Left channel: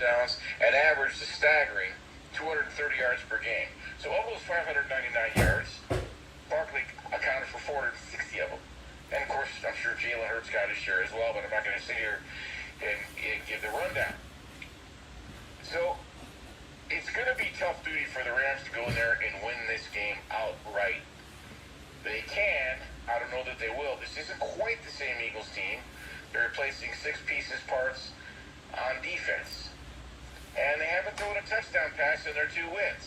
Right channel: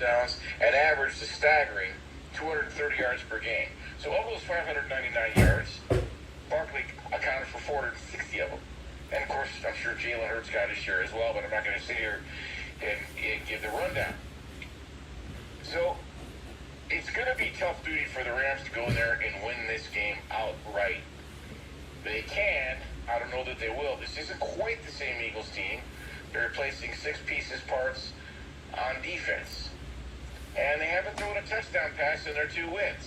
touchdowns and averaged a staggering 230 yards per game. So of those 599 yards, Barkley accounted for 460 of them. And of course, I'm sure Jalen Hurts got his share as well, but I'm not going to sit here and give the rundown. So it's going to be tough duty for the Rams to go there and win this game outright. They can. I don't know that they will. This isn't quite the same Eagles team. They're replacing 6 pieces parts on defense. And they haven't thrown a touchdown pass in their 2 wins.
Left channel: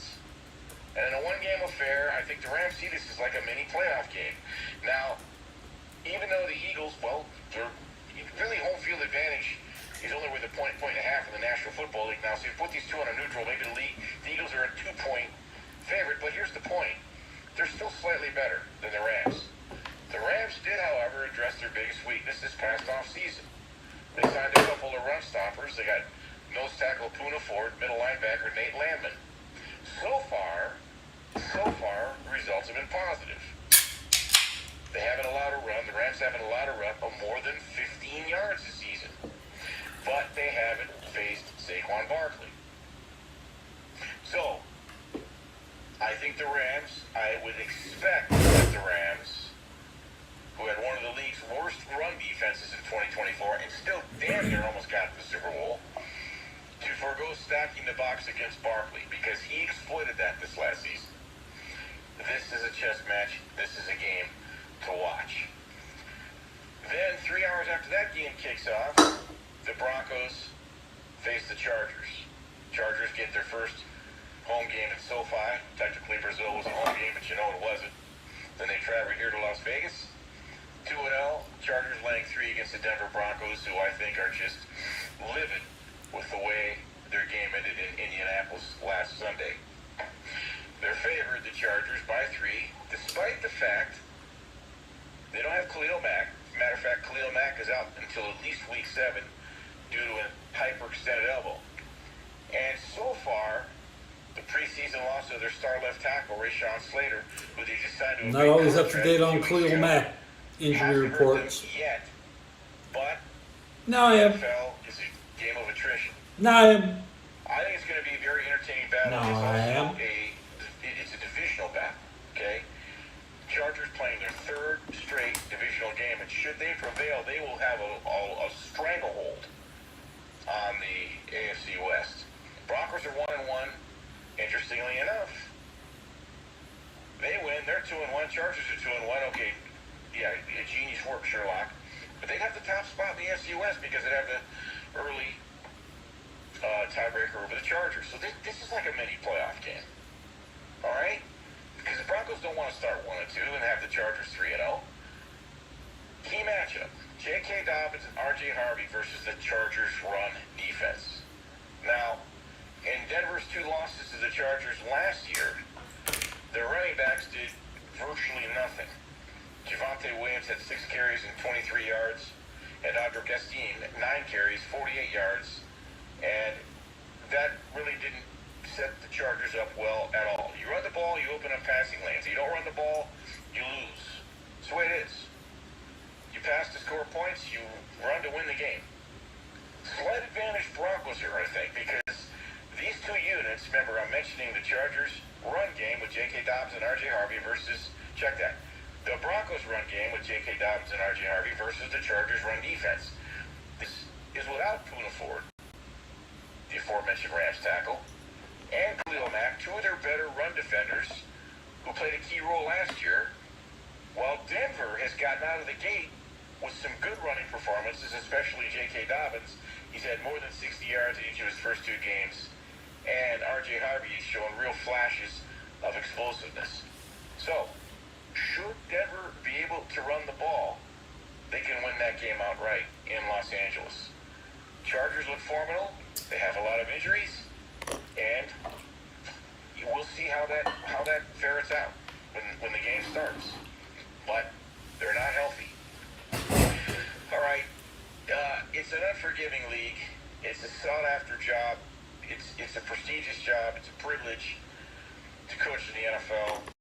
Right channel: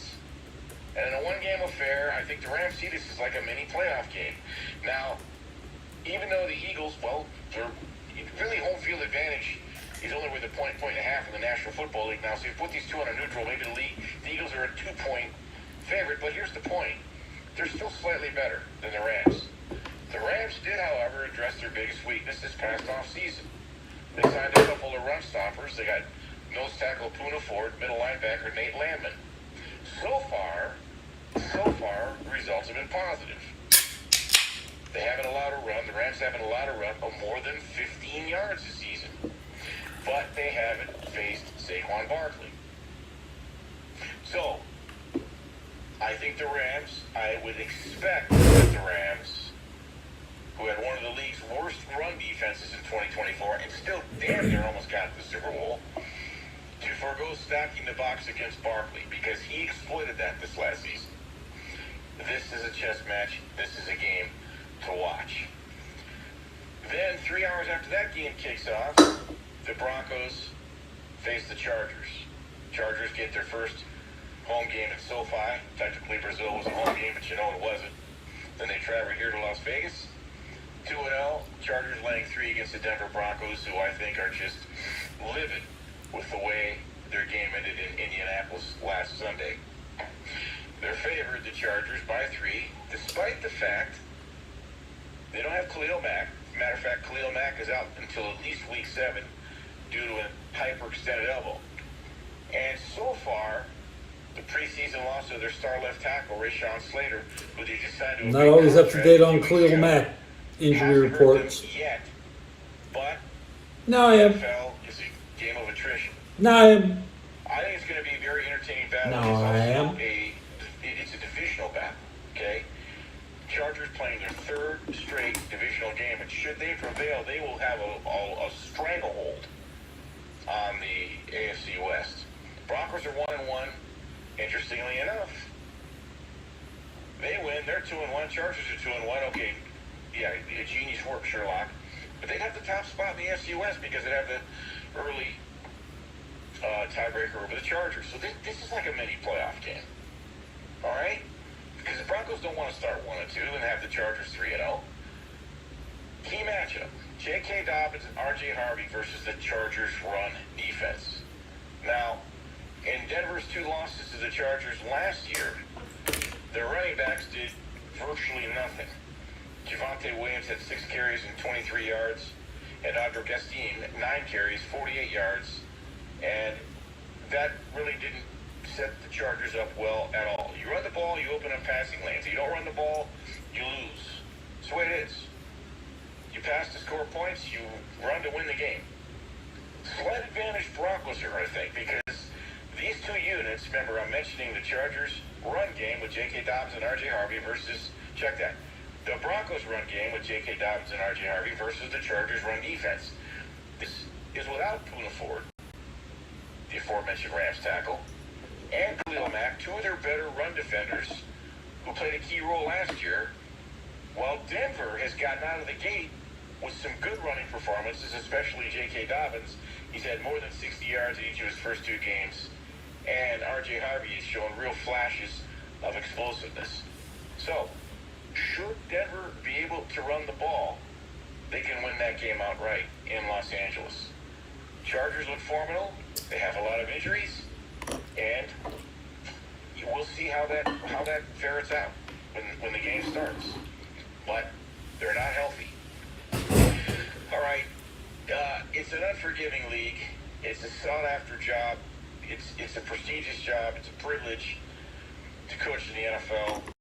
And in a one-game affair, I think the Rams see this as like a mini playoff game. Now, even though the Eagles, well, they're really home field advantage is only worth a point and a half in the National Football League now. So you put these two on a neutral, maybe the Eagles are a 2-point favorite. But here's the point. They're still slightly better than the Rams. The Rams did, however, address their biggest weakness this past offseason. They signed a couple of run stoppers. They got nose tackle Poona Ford, middle linebacker Nate Landman. So far, the results have been positive. They haven't allowed a run. The Rams haven't allowed a run of more than 15 yards this season. But they haven't faced Saquon Barkley. So, I think the Rams, I would expect that the Rams, who had one of the league's worst run defenses in 2024 and still damn near almost got to the Super Bowl, to forego stacking the box against Barkley because he exploited that this last season. This is a chess match. This is a game to watch. Then, 3 hours after that game kicks off, the Broncos face the Chargers. Chargers get their first home game in SoFi. Technically, Brazil was a home game, but you know it wasn't. Then they travel here to Las Vegas. 2-0. Chargers laying 3 against the Denver Broncos, who I think are just livid with the way their game ended in Indianapolis last Sunday. They're favored, the Chargers, by 3, despite the fact they don't have Khalil Mack. Matter of fact, Khalil Mack is out until at least week 7 due to a hyperextended elbow. And so far, the preseason loss of their star left tackle, Rashawn Slater, who they just signed to a not always up to date on Khalil Mack injury reports. Yet, but No, I am. NFL is a game of attrition. No, I am. I think it's going to be a very entertaining battle. No, I am. It's a divisional battle, okay? Chargers playing their 3rd straight divisional game, and should they prevail, they will have a stranglehold on the AFC West. Broncos are 1-1. Interestingly enough, they win. They're 2-1. Chargers are 2-1. Okay, yeah, a genius work, Sherlock. But they got the top spot in the AFC West because they have the early tiebreaker over the Chargers. So this is like a mini playoff game. All right? Because the Broncos don't want to start 1-2 and have the Chargers 3-0. Key matchup. J.K. Dobbins and R.J. Harvey versus the Chargers' run defense. Now, in Denver's 2 losses to the Chargers last year, their running backs did virtually nothing. Javonte Williams had 6 carries and 23 yards, and Andre Gastine, 9 carries, 48 yards, and that really didn't set the Chargers up well at all. You run the ball, you open up passing lanes. You don't run the ball, you lose. That's the way it is. You pass to score points, you run to win the game. Slight advantage Broncos here, I think, because these 2 units, remember, I'm mentioning the Chargers run game with J.K. Dobbins and R.J. Harvey versus, check that, the Broncos run game with J.K. Dobbins and R.J. Harvey versus the Chargers run defense. This is without Poona Ford, the aforementioned Rams tackle, and Khalil Mack, 2 of their better run defenders who played a key role last year, while Denver has gotten out of the gate with some good running performances, especially J.K. Dobbins. He's had more than 60 yards in each of his first 2 games, and R.J. Harvey is showing real flashes of explosiveness. So, should Denver be able to run the ball, they can win that game outright in Los Angeles. Chargers look formidable. They have a lot of injuries, and you will see how that ferrets out when the game starts. But they're not healthy. All right, it's an unforgiving league. It's a sought-after job. It's a prestigious job. It's a privilege to coach in the NFL.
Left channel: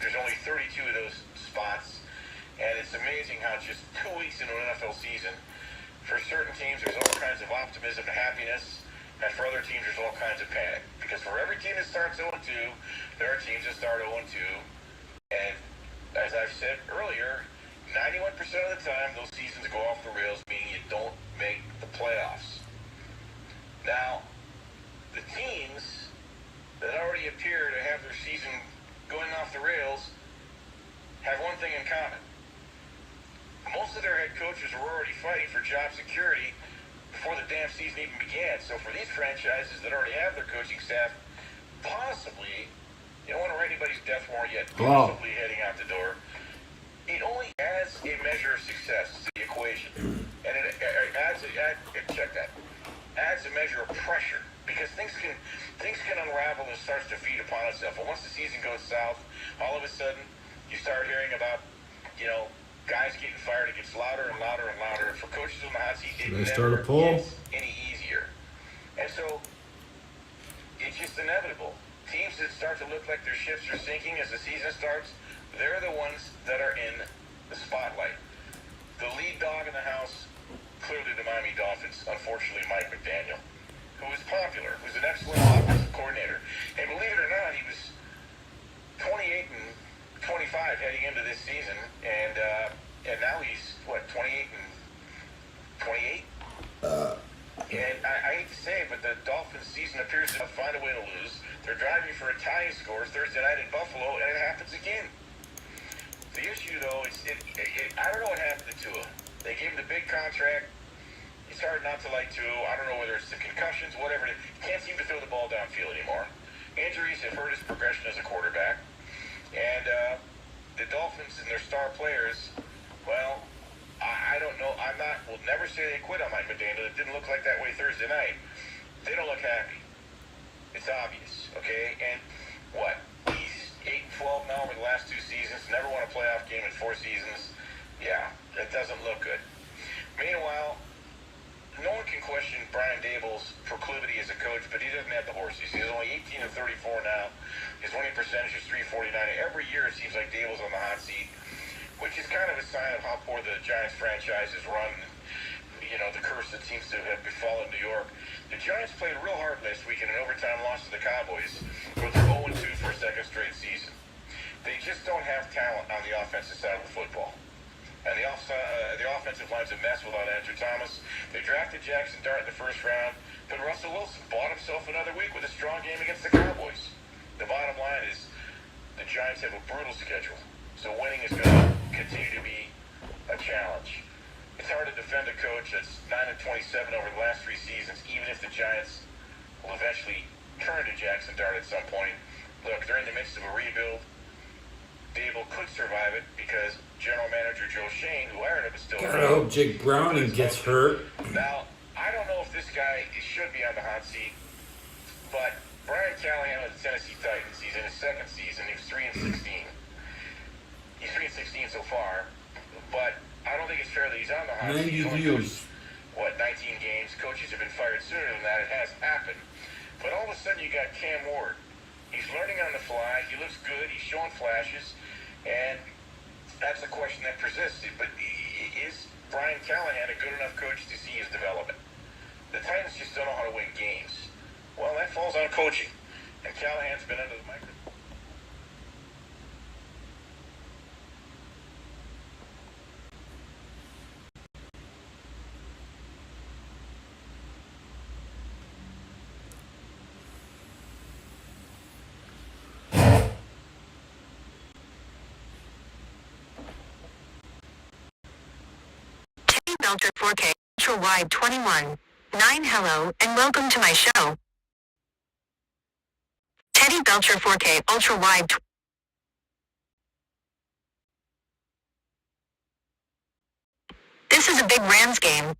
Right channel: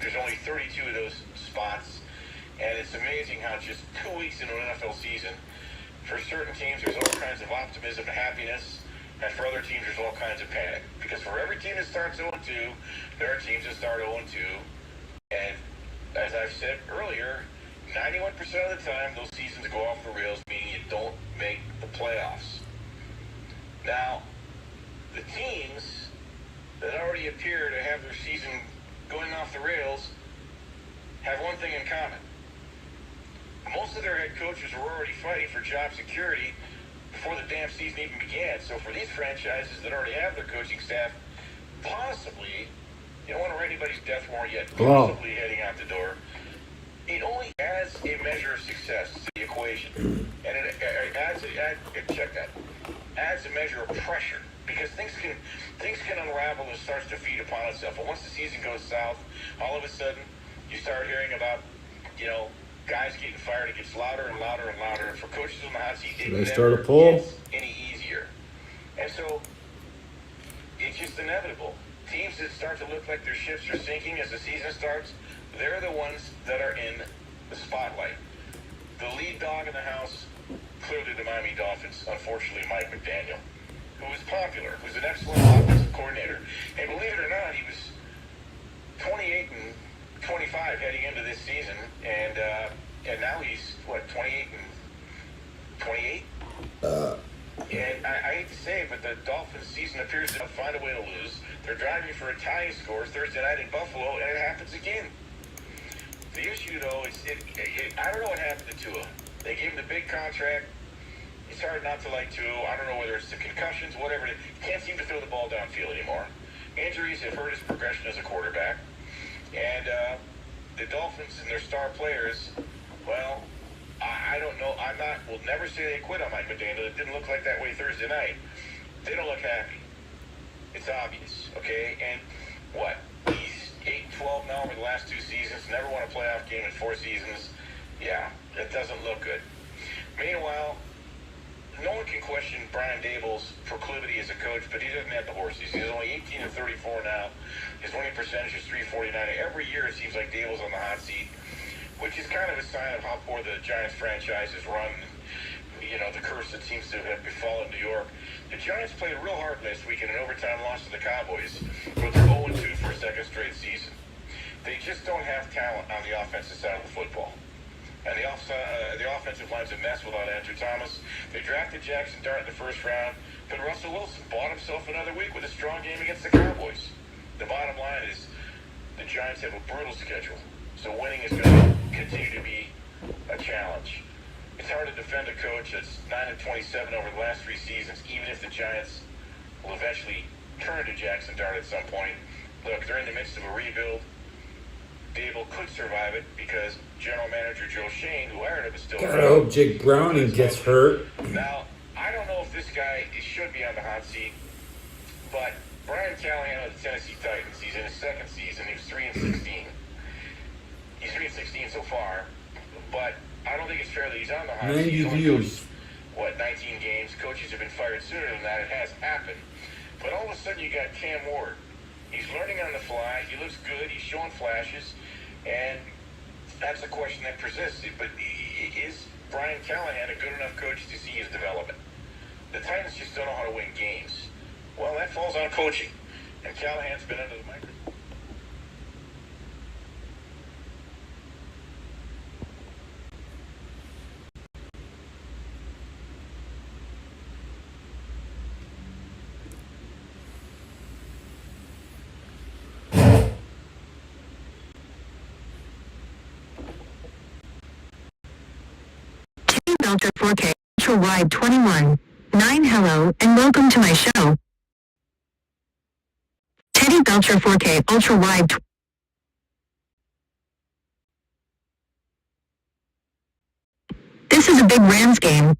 There's only 32 of those spots, and it's amazing how just 2 weeks into an NFL season, for certain teams, there's all kinds of optimism and happiness, And for other teams, there's all kinds of panic. Because for every team that starts 0-2, there are teams that start 0-2. And as I've said earlier, 91% of the time, those seasons go off the rails, meaning you don't make the playoffs. Now, the teams that already appear to have their season going off the rails have one thing in common. Most of their head coaches are already fighting for job security before the damn season even began. So for these franchises that already have their coaching staff, possibly, you don't want to write anybody's death warrant yet, possibly heading out the door, it only adds a measure of success to the equation. And it adds a measure of pressure, because things can unravel and starts to feed upon itself. But once the season goes south, all of a sudden you start hearing about, guys getting fired. It gets louder and louder and louder. And for coaches in the hot seat, it never gets any easier. And so it's just inevitable. Teams that start to look like their ships are sinking as the season starts, they're the ones that are in the spotlight. The lead dog in the house, clearly the Miami Dolphins, unfortunately Mike McDaniel, who was popular, who's an excellent offensive coordinator. And believe it or not, he was 28-25 heading into this season, and now he's 28-28. And I hate to say it, but the Dolphins' season appears to find a way to lose. They're driving for a tying score Thursday night in Buffalo, and it happens again. The issue, though, is I don't know what happened to Tua. They gave him the big contract. It's hard not to like Tua. I don't know whether it's the concussions, whatever. Can't seem to throw the ball downfield anymore. Injuries have hurt his progression as a quarterback. And the Dolphins and their star players, well, I don't know. Will never say they quit on Mike McDaniel. It didn't look like that way Thursday night. They don't look happy. It's obvious, okay? And what? He's 8-12 now over the last 2 seasons. Never won a playoff game in 4 seasons. Yeah, that doesn't look good. Meanwhile, no one can question Brian Daboll's proclivity as a coach, but he doesn't have the horses. He's only 18-34 now. His winning percentage is .349. Every year it seems like Daboll's on the hot seat, which is kind of a sign of how poor the Giants franchise is run. The curse that seems to have befallen New York. The Giants played real hard last week in an overtime loss to the Cowboys, but they're 0-2 for a second straight season. They just don't have talent on the offensive side of the football. And the offensive line's a mess without Andrew Thomas. They drafted Jackson Dart in the first round, but Russell Wilson bought himself another week with a strong game against the Cowboys. The bottom line is the Giants have a brutal schedule, so winning is going to continue to be a challenge. It's hard to defend a coach that's 9-27 over the last 3 seasons, even if the Giants will eventually turn to Jackson Dart at some point. Look, they're in the midst of a rebuild. Dable could survive it because General Manager Joe Shane, who hired him, is still I hope Jake Browning gets hurt. Now, I don't know if this guy should be on the hot seat, but Brian Callahan of the Tennessee Titans, he's in his second season. He was 3-16. He's 3-16 so far, but I don't think it's fair that he's on the hot seat. 90 views. 19 games. Coaches have been fired sooner than that. It has happened. But all of a sudden you got Cam Ward. He's learning on the fly. He looks good. He's showing flashes. And that's the question that persists. But is Brian Callahan a good enough coach to see his development? The Titans just don't know how to win games. Well, that falls on coaching. And Callahan's been under the microscope. Belcher 4K Ultra Wide 21. 9 Hello and welcome to my show. Teddy Belcher 4K Ultra Wide. This is a big Rams game.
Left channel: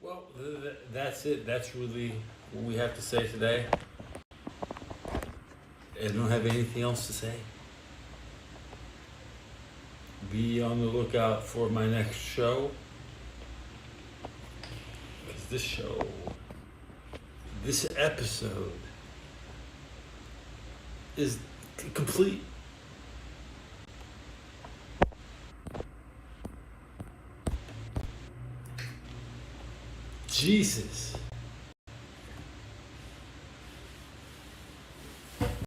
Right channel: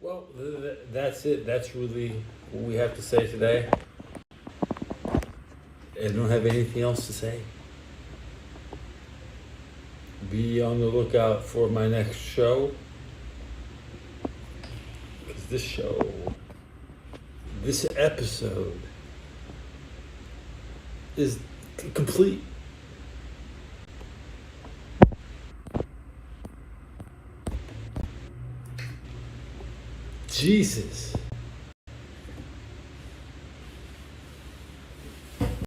Well, that's it. That's really what we have to say today. I don't have anything else to say. Be on the lookout for my next show. this show, this episode is complete. Jesus.